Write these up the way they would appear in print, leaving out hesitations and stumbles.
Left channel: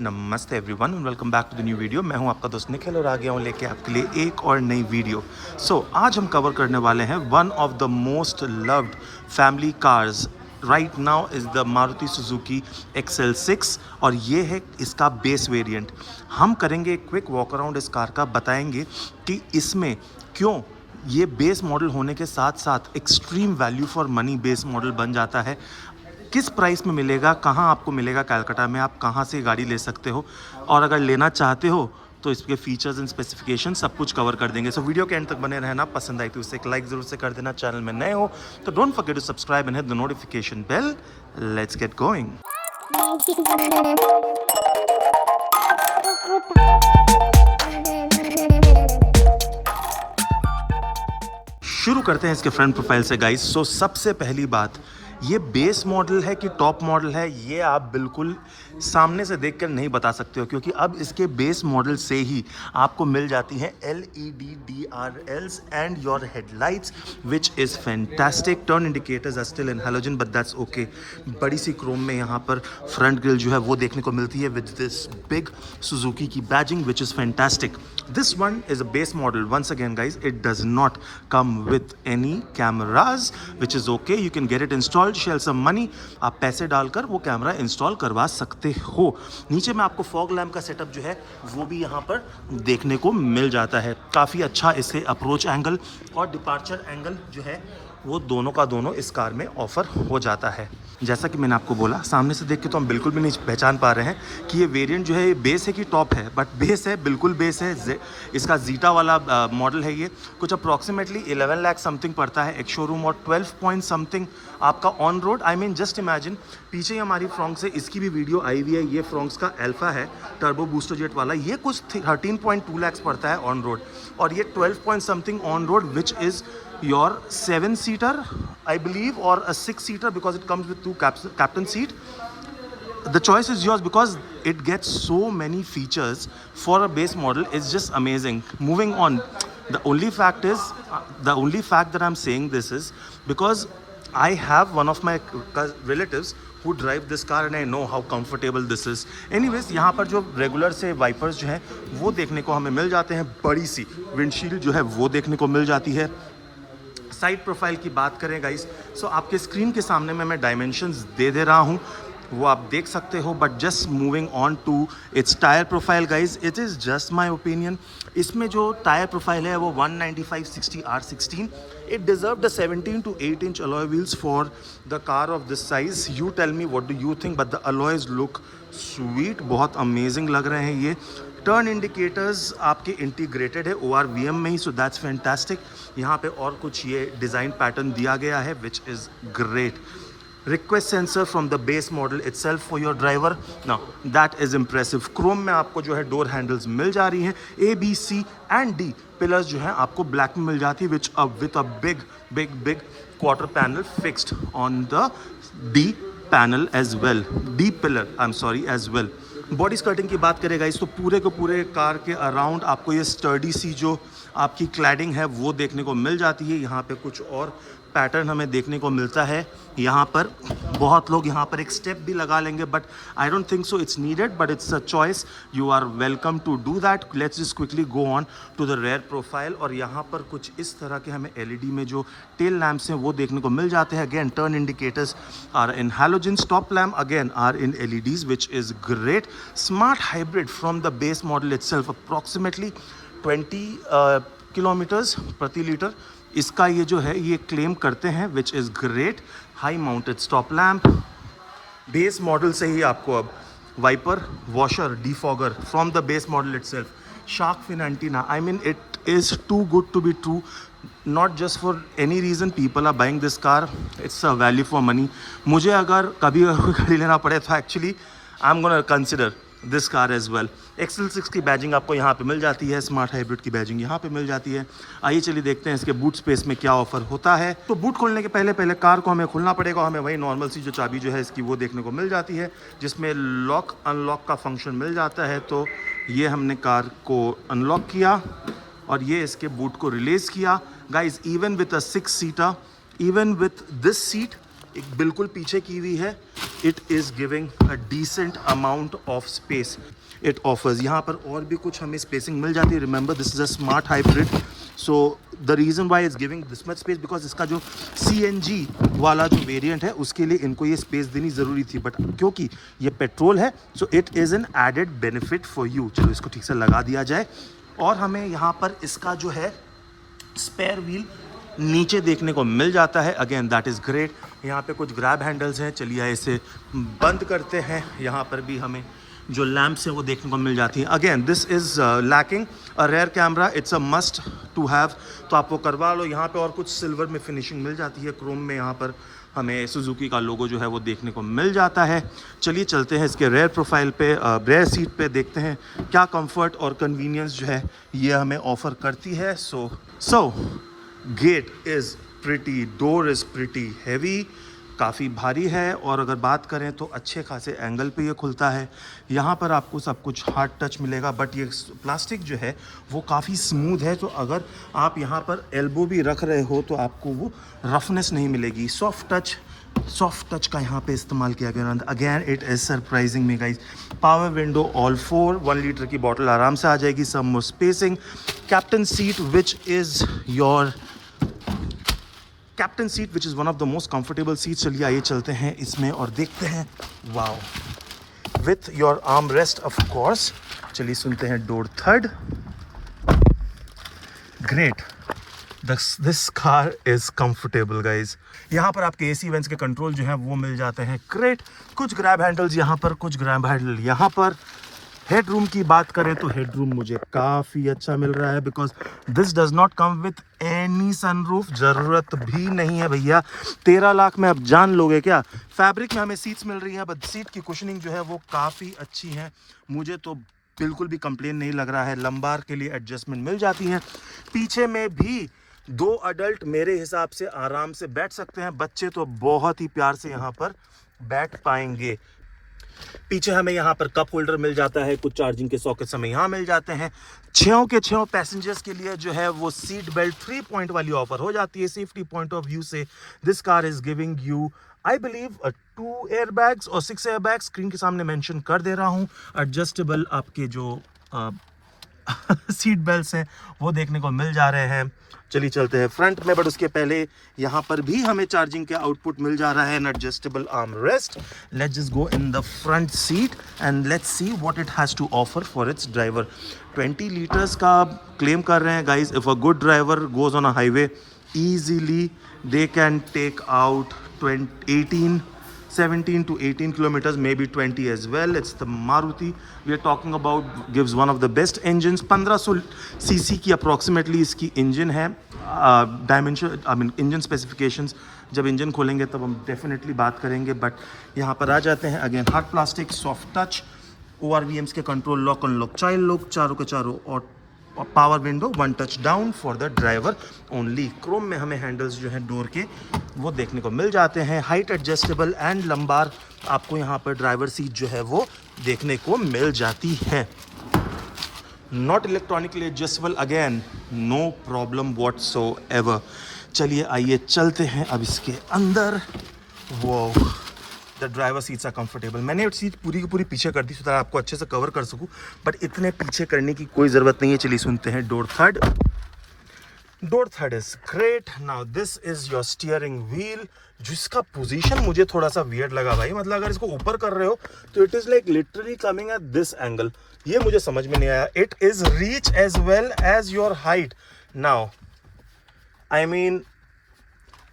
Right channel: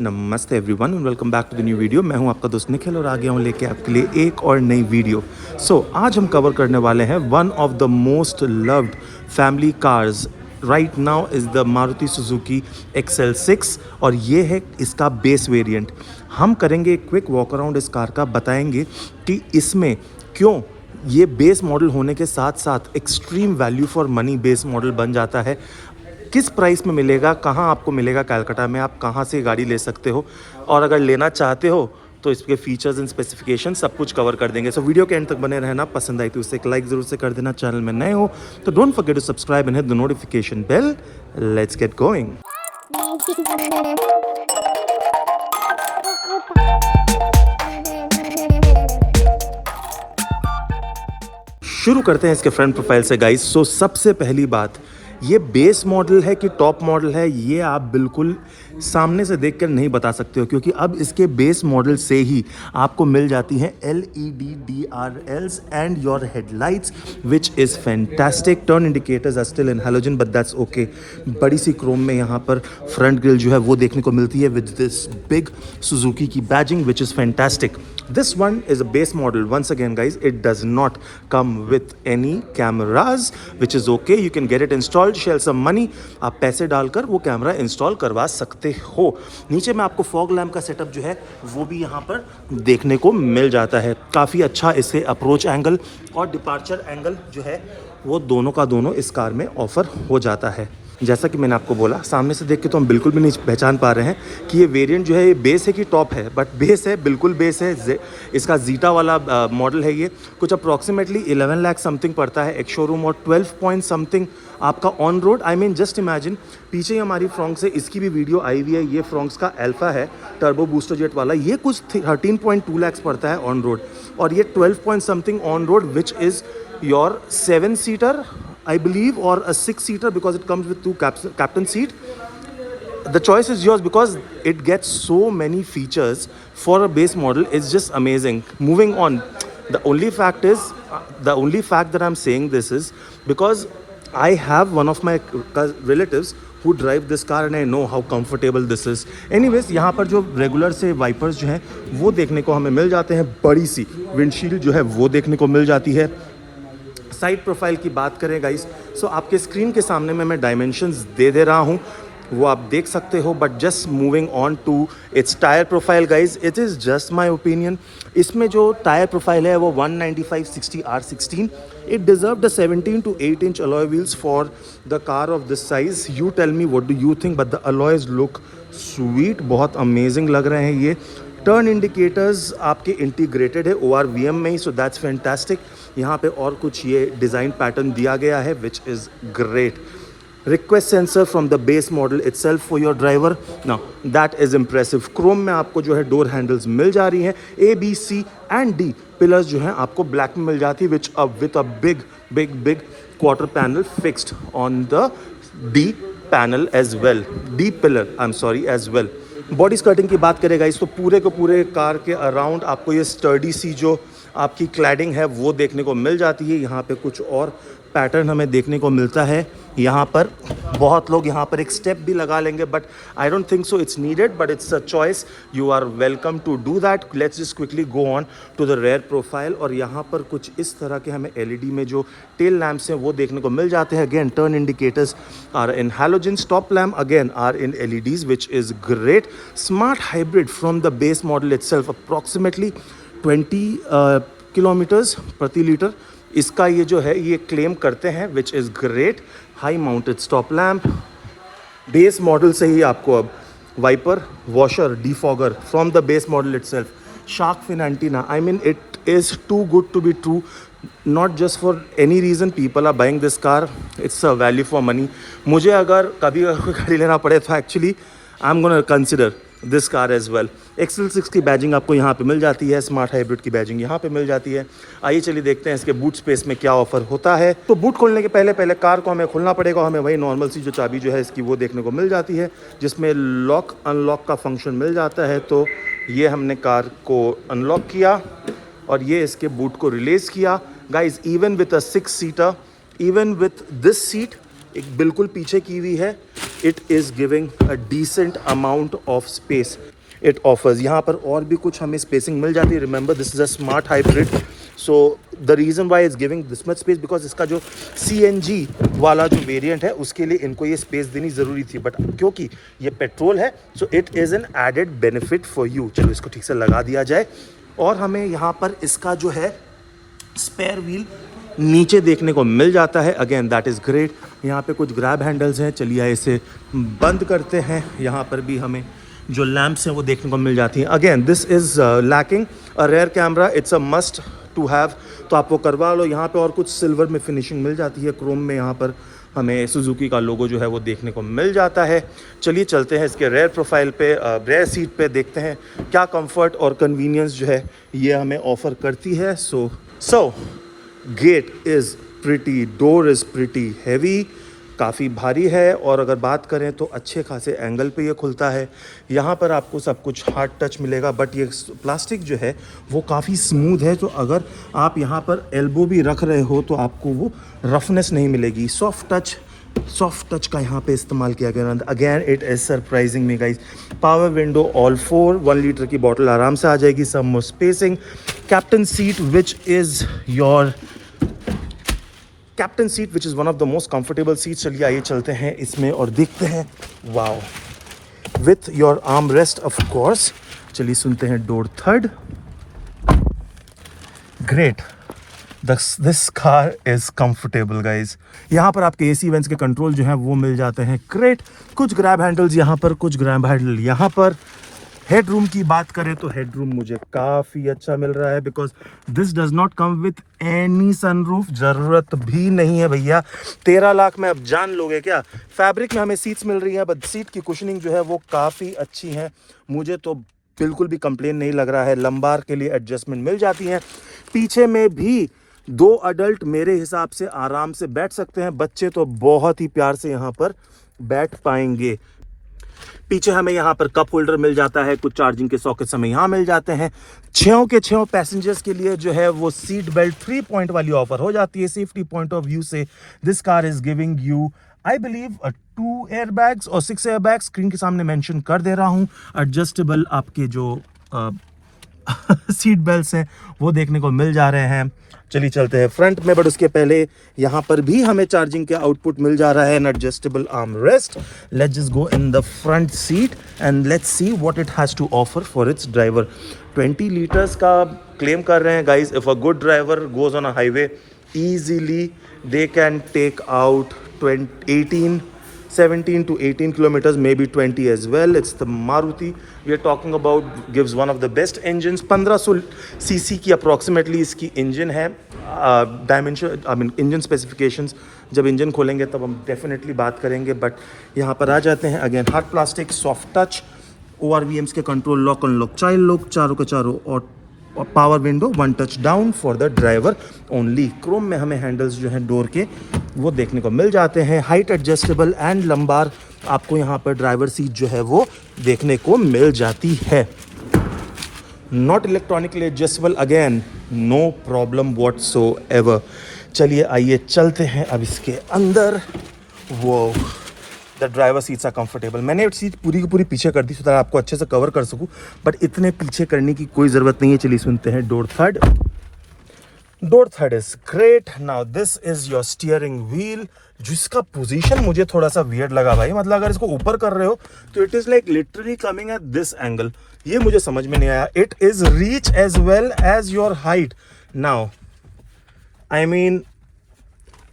नमस्ते everyone and welcome back to the new video. मैं हूं आपका दोस्त निखिल और आ गया हूं लेके आपके लिए एक और नई वीडियो। आज हम कवर करने वाले हैं one of the most loved family cars right now is the Maruti Suzuki XL6 और ये है इसका बेस वेरिएंट। हम करेंगे एक क्विक वॉक अराउंड इस कार का, बताएंगे कि इसमें क्यों ये बेस मॉडल होने के साथ साथ extreme value for money base model बन जाता है, किस प्राइस में मिलेगा, कहाँ आपको मिलेगा कलकत्ता में, आप कहाँ से गाड़ी ले सकते हो और अगर लेना चाहते हो तो इसके फीचर्स एंड स्पेसिफिकेशन सब कुछ कवर कर देंगे। सो वीडियो के एंड तक बने रहना। पसंद आई तो उसे एक लाइक जरूर से कर देना। चैनल में नए हो तो don't forget to subscribe and hit the notification bell. Let's get going. शुरू करते हैं इसके फ्रंट प्रोफाइल से गाइस। सबसे पहली बात, ये बेस मॉडल है कि टॉप मॉडल है ये आप बिल्कुल सामने से देखकर नहीं बता सकते हो, क्योंकि अब इसके बेस मॉडल से ही आपको मिल जाती हैं LED DRLs and your headlights which is fantastic. Turn indicators are still in halogen but that's okay. बड़ी सी क्रोम में यहाँ पर फ्रंट ग्रिल जो है वो देखने को मिलती है विद दिस बिग सुजुकी की badging which is fantastic. This one is a base model. Once again guys, it does not come with any cameras, which is okay. You can get it installed, shell some money. आप पैसे डालकर वो camera install करवा सकते हो। नीचे में आपको फॉग लैम्प का सेटअप जो है वो भी यहाँ पर देखने को मिल जाता है। काफ़ी अच्छा इससे अप्रोच एंगल और डिपार्चर एंगल जो है वो दोनों का दोनों इस कार में ऑफर हो जाता है। जैसा कि मैंने आपको बोला, सामने से देख के तो हम बिल्कुल भी नहीं पहचान पा रहे हैं कि ये वेरिएंट जो है ये बेस है कि टॉप है, बट बेस है, बिल्कुल बेस है। इसका जीटा वाला मॉडल है। ये कुछ अप्रॉक्सीमेटली 11 लाख समथिंग पड़ता है एक शोरूम और 12 पॉइंट समथिंग आपका on road. I mean just imagine, पीछे ही हमारी फ्रॉन्क्स है, इसकी भी वीडियो आई हुई है। ये फ्रॉन्क्स का अल्फा है, टर्बो बूस्टर जेट वाला। ये कुछ 13.2 लाख पड़ता है ऑन रोड और ये 12 point something on road which is your 7-सीटर I believe or a 6-seater because it comes with 2 captain seat. The choice is yours because it gets so many features for a base model. It's just amazing. Moving on, the only fact that I'm saying this is because I have one of my relatives who drive this car and I know how comfortable this is. Anyways, यहाँ पर जो regular से wipers जो हैं वो देखने को हमें मिल जाते हैं। बड़ी सी विंडशील्ड जो है वो देखने को मिल जाती है। साइड प्रोफाइल की बात करें गाइस, आपके स्क्रीन के सामने में मैं डायमेंशंस दे रहा हूँ, वो आप देख सकते हो। But just moving on to its tyre profile guys, it is just my opinion. इसमें जो टायर प्रोफाइल है वो 195/60 R16। It deserve the 17 to 8 inch alloy wheels for the car of this size. You tell me what do you think, but the alloys look sweet, बहुत amazing लग रहे हैं ये। Turn indicators आपके integrated है ORVM में ही, so that's fantastic. यहाँ पे और कुछ ये डिज़ाइन पैटर्न दिया गया है विच is great. Request sensor from the base model itself for your driver, now that is impressive. Chrome में आपको जो है डोर हैंडल्स मिल जा रही हैं। A, B, C and D pillars जो हैं आपको ब्लैक में मिल जाती है which with a big quarter panel fixed on the D panel as well, D pillar as well. Body skirting की बात करेगा इस तो पूरे को पूरे कार के अराउंड आपको ये स्टर्डी सी जो आपकी क्लैडिंग है वो देखने को मिल जाती है। यहाँ पे कुछ और पैटर्न हमें देखने को मिलता है। यहाँ पर बहुत लोग यहाँ पर एक स्टेप भी लगा लेंगे, but I don't think so it's needed, but it's a choice, you are welcome to do that. Let's just quickly go on to the rear profile और यहाँ पर कुछ इस तरह के हमें LED में जो टेल लैम्प्स हैं वो देखने को मिल जाते हैं। Again turn indicators are in halogen, stop lamp again are in LEDs which is great. Smart hybrid from the base model itself, approximately 20 kilometres प्रति लीटर इसका ये जो है ये क्लेम करते हैं which is great. High mounted stop lamp, base model से ही आपको अब wiper, washer, defogger from the base model itself, shark fin antenna. I mean it is too good to be true, not just for any reason people are buying this car, it's a value for money. मुझे अगर कभी गाड़ी लेना पड़े तो actually I am gonna consider this car as well. XL6 की badging आपको यहाँ पे मिल जाती है, स्मार्ट हाइब्रिड की बैजिंग यहाँ पे मिल जाती है। आइए चलिए देखते हैं इसके बूट स्पेस में क्या ऑफर होता है। तो बूट खोलने के पहले कार को हमें खोलना पड़ेगा। हमें वही नॉर्मल सी जो चाबी जो है इसकी वो देखने को मिल जाती है, जिसमें लॉक अनलॉक का फंक्शन मिल जाता है। तो ये हमने कार को अनलॉक किया और ये इसके बूट को रिलीज़ किया। Guys even with a six seater, even with this seat एक बिल्कुल पीछे की हुई है, it is giving a decent amount of space it offers. यहाँ पर और भी कुछ हमें स्पेसिंग मिल जाती है। Remember this is a smart hybrid, so the reason why is giving this much space because इसका जो CNG वाला जो वेरिएंट है उसके लिए इनको ये स्पेस देनी ज़रूरी थी, बट क्योंकि ये पेट्रोल है so it is an added benefit for you. चलो इसको ठीक से लगा दिया जाए। और हमें यहाँ पर इसका जो है स्पेयर व्हील नीचे देखने को मिल जाता है। Again that is great. यहाँ पे कुछ ग्रैब हैंडल्स हैं, चलिए इसे बंद करते हैं। यहाँ पर भी हमें जो लैंप्स हैं वो देखने को मिल जाती हैं। Again this is lacking a rear camera, it's a must to have, तो आप वो करवा लो। यहाँ पे और कुछ सिल्वर में फिनिशिंग मिल जाती है, क्रोम में यहाँ पर हमें सुजुकी का लोगो जो है वो देखने को मिल जाता है। चलिए चलते हैं इसके रेयर प्रोफाइल पे, रेयर सीट पे, देखते हैं क्या कंफर्ट और कन्वीनियंस जो है ये हमें ऑफर करती है। सो get is pretty, door is pretty heavy, काफ़ी भारी है। और अगर बात करें तो अच्छे खासे एंगल पे ये खुलता है। यहाँ पर आपको सब कुछ हार्ड टच मिलेगा, बट ये प्लास्टिक जो है वो काफ़ी स्मूथ है, तो अगर आप यहाँ पर एल्बो भी रख रहे हो तो आपको वो रफनेस नहीं मिलेगी। सॉफ्ट टच का यहाँ पे इस्तेमाल किया गया। Again it is surprising me guys. Power window all 4, 1 litre की बॉटल आराम से आ जाएगी, some more spacing. Captain seat which is your captain seat which is one of the most comfortable seat. चलिए आइए चलते हैं इसमें और देखते हैं। Wow, with your arm rest of course. चलिए सुनते हैं door third. Great, this car is comfortable guys. यहाँ पर आपके AC वेंट्स के कंट्रोल जो है वो मिल जाते हैं। ग्रेट, कुछ ग्रैब हैंडल्स यहाँ पर, कुछ ग्रैब हैंडल यहाँ पर। हेड रूम की बात करें तो हेड रूम मुझे काफ़ी अच्छा मिल रहा है, because this does not come with any sunroof. ज़रूरत भी नहीं है भैया। 13 लाख में आप जान लोगे क्या। फैब्रिक में हमें सीट्स मिल रही है, बट सीट की कुशनिंग जो है वो काफ़ी अच्छी है। मुझे तो बिल्कुल भी कंप्लेन नहीं लग रहा है। लंबार के लिए एडजस्टमेंट मिल जाती हैं। पीछे में भी 2 अडल्ट मेरे हिसाब से आराम से बैठ सकते हैं। बच्चे तो बहुत ही प्यार से यहाँ पर बैठ पाएंगे। पीछे हमें यहाँ पर कप होल्डर मिल जाता है, कुछ चार्जिंग के सॉकेट्स हमें यहाँ मिल जाते हैं। 6 के 6 पैसेंजर्स के लिए जो है वो सीट बेल्ट 3 पॉइंट वाली ऑफर हो जाती है। सेफ्टी पॉइंट ऑफ व्यू से this car is giving you I believe 2 airbags और 6 एयरबैग्स। स्क्रीन के सामने मेंशन कर दे रहा हूँ। एडजस्टेबल आपके जो सीट बेल्ट्स हैं वो देखने को मिल जा रहे हैं। चलिए चलते हैं फ्रंट में, बट उसके पहले यहाँ पर भी हमें चार्जिंग के आउटपुट मिल जा रहा है, an adjustable arm rest. Let's just go in the front seat and let's see what it has to offer for its driver. 20 litres का क्लेम कर रहे हैं guys. If a good driver goes on a highway easily they can take out 17 to 18 kilometers, maybe 20 as well. It's the Maruti we are talking about, gives one of the best engines. 1500 cc की approximately इसकी engine है। Dimension I mean engine specifications जब engine खोलेंगे तब हम definitely बात करेंगे, but यहाँ पर आ जाते हैं। Again hard plastic, soft touch, ORVMs के control, lock unlock, child lock, चारों के चारों, और power window, 1 touch down for the driver only. Chrome में हमें हैंडल्स जो हैं डोर के वो देखने को मिल जाते हैं। हाइट एडजस्टेबल एंड लंबार आपको यहाँ पर ड्राइवर सीट जो है वो देखने को मिल जाती है। Not electronically adjustable, again no problem whatsoever. चलिए आइए चलते हैं अब इसके अंदर। वो the driver seats are comfortable. मैंने सीट पूरी की पूरी पीछे कर दी ताकि आपको अच्छे से कवर कर सकूं, बट इतने पीछे करने की कोई ज़रूरत नहीं है। चलिए सुनते हैं door third. Door third is great. Now this is your steering wheel, जिसका पोजीशन मुझे थोड़ा सा वियर्ड लगा भाई। मतलब अगर इसको ऊपर कर रहे हो तो it is like literally coming at this angle. ये मुझे समझ में नहीं आया। It is reach as well as your height. Now I mean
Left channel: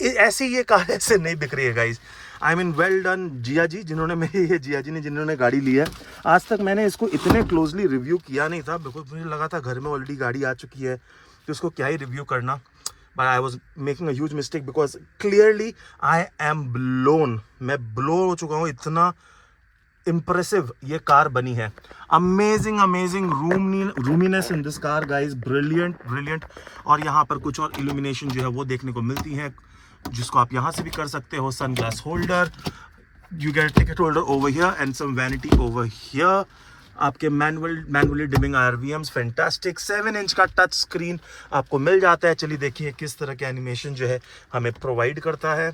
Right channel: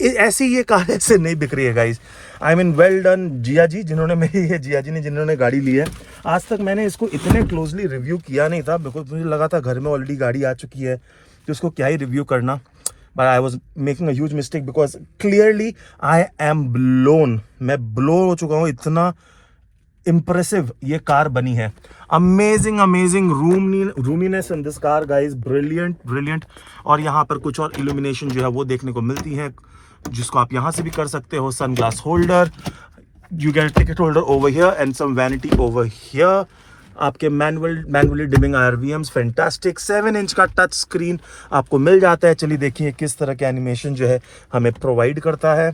ऐसी ये कार ऐसे नहीं दिख रही है guys. I mean well done Jiya ji, जिन्होंने गाड़ी ली है। आज तक मैंने इसको इतने क्लोजली रिव्यू किया नहीं था, बिकॉज मुझे लगा था घर में ऑलरेडी गाड़ी आ चुकी है तो उसको क्या ही रिव्यू करना। But I was making a huge mistake because clearly I am blown. मैं ब्लो हो चुका हूँ, इतना इम्प्रेसिव ये कार बनी है। Amazing roominess in this car guys, brilliant. और यहाँ पर कुछ और इल्यूमिनेशन जो है वो देखने को मिलती है, जिसको आप यहाँ से भी कर सकते हो। Sun glass holder, you get ticket holder over here and some vanity over here. आपके manually dimming RVMs, fantastic. 7 inch का टच स्क्रीन आपको मिल जाता है। चलिए देखिए किस तरह के एनिमेशन जो है हमें प्रोवाइड करता है।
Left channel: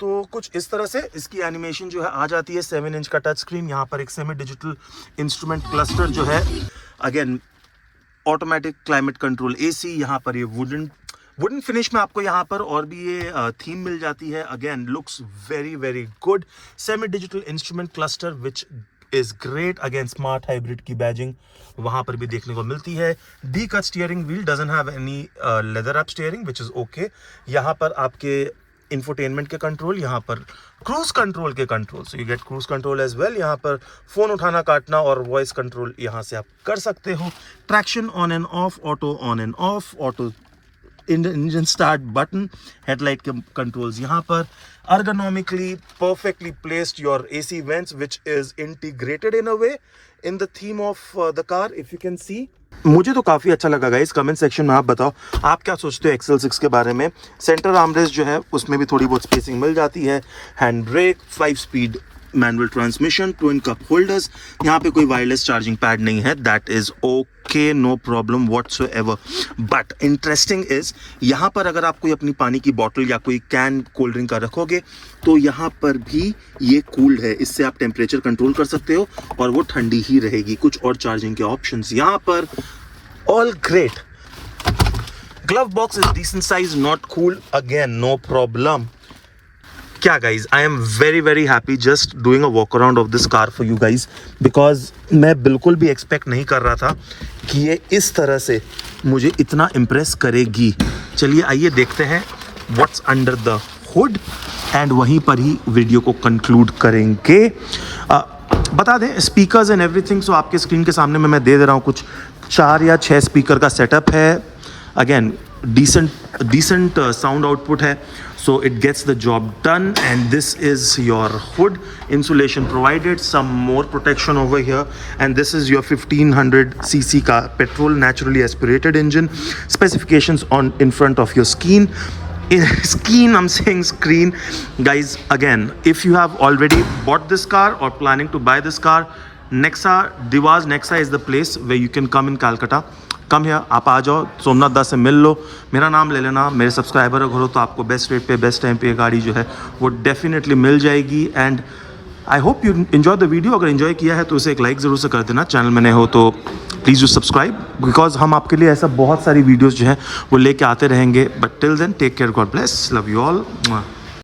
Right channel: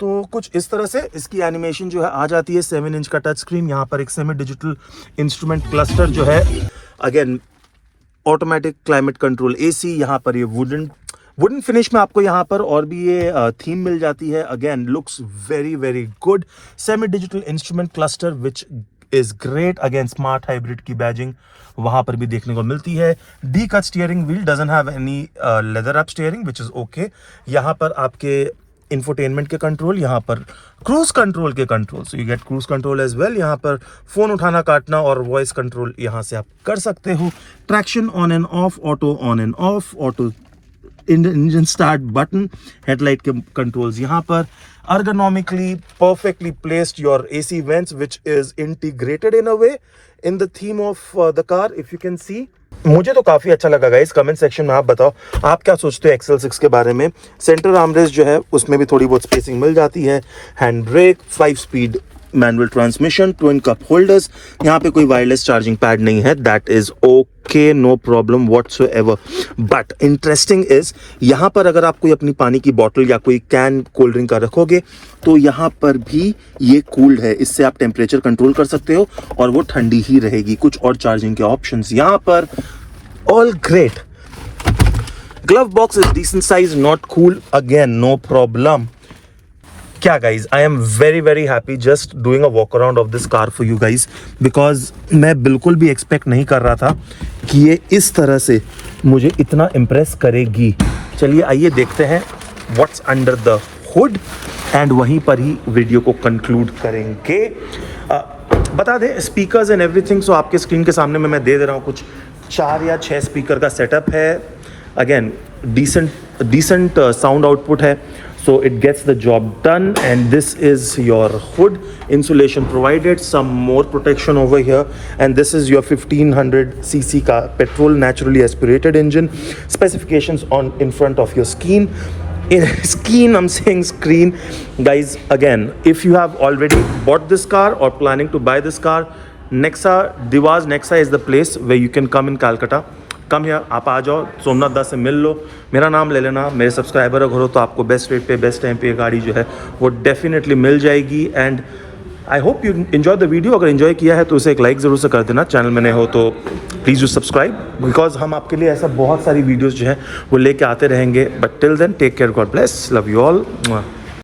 तो कुछ इस तरह से इसकी एनिमेशन जो है आ जाती है। 7 इंच का टच स्क्रीन, यहाँ पर एक सेमी डिजिटल इंस्ट्रूमेंट क्लस्टर जो है, again automatic climate control AC, यहाँ पर ये वुडन फिनिश में आपको यहाँ पर और भी ये थीम मिल जाती है। Again looks very very good. Semi digital instrument cluster which is great. Again smart hybrid की बैजिंग वहां पर भी देखने को मिलती है। D cut steering wheel, doesn't have any leather up steering which is okay. यहाँ पर आपके इंफोटेनमेंट के कंट्रोल, यहाँ पर क्रूज कंट्रोल के control, so you get cruise control as well. यहाँ पर फोन उठाना काटना और वॉइस कंट्रोल यहाँ से आप कर सकते हो। Traction on end of, auto on end of, auto engine start button, headlight के कंट्रोल्स यहाँ पर। ergonomically perfectly placed your AC vents which is integrated in a way in the theme of the car, if you can see. मुझे तो काफ़ी अच्छा लगा guys. Comment section में आप बताओ आप क्या सोचते हो XL6 के बारे में। सेंटर आर्मरेस्ट जो है उसमें भी थोड़ी बहुत स्पेसिंग मिल जाती है। Hand brake, 5 speed manual transmission, twin cup holders, यहाँ पे कोई वायरलेस चार्जिंग पैड नहीं है, that is okay, no problem whatsoever. But interesting is यहाँ पर अगर आप कोई अपनी पानी की बॉटल या कोई कैन कोल्ड ड्रिंक का रखोगे तो यहाँ पर भी ये कूल्ड है, इससे आप टेम्परेचर कंट्रोल कर सकते हो और वो ठंडी ही रहेगी। कुछ और चार्जिंग के ऑप्शंस यहाँ पर, all great. Glove box is decent size, not cool, again no problem. क्या guys, I am very very happy just doing a walk around of this car for you guys, because मैं बिल्कुल भी expect नहीं कर रहा था कि ये इस तरह से मुझे इतना इम्प्रेस करेगी। चलिए आइए देखते हैं what's under the hood and वहीं पर ही वीडियो को कंक्लूड करेंगे। बता दें स्पीकर्स एंड एवरीथिंग, सो आपके स्क्रीन के सामने में मैं दे रहा हूँ कुछ 4 या 6 स्पीकर का सेटअप है। अगेन decent sound output है, so it gets the job done. And this is your hood, insulation provided, some more protection over here, and this is your 1500cc का petrol naturally aspirated engine. Specifications on in front of your screen. I'm saying screen. Guys, again, if you have already bought this car or planning to buy this car, Divas Nexa is the place where you can come in Calcutta. Come here, आप आ जाओ, सोमनाथ दास से मिल लो, मेरा नाम ले लेना, मेरे subscriber अगर हो तो आपको बेस्ट रेट पे बेस्ट टाइम पे गाड़ी जो है वो डेफिनेटली मिल जाएगी। And I hope you enjoy the video. अगर एंजॉय किया है तो उसे एक लाइक ज़रूर से कर देना। चैनल में नए हो तो प्लीज़ डू सब्सक्राइब, बिकॉज हम आपके लिए ऐसा बहुत सारी वीडियोज़ जो हैं वो लेके आते रहेंगे। But till then take care, God bless, love you all.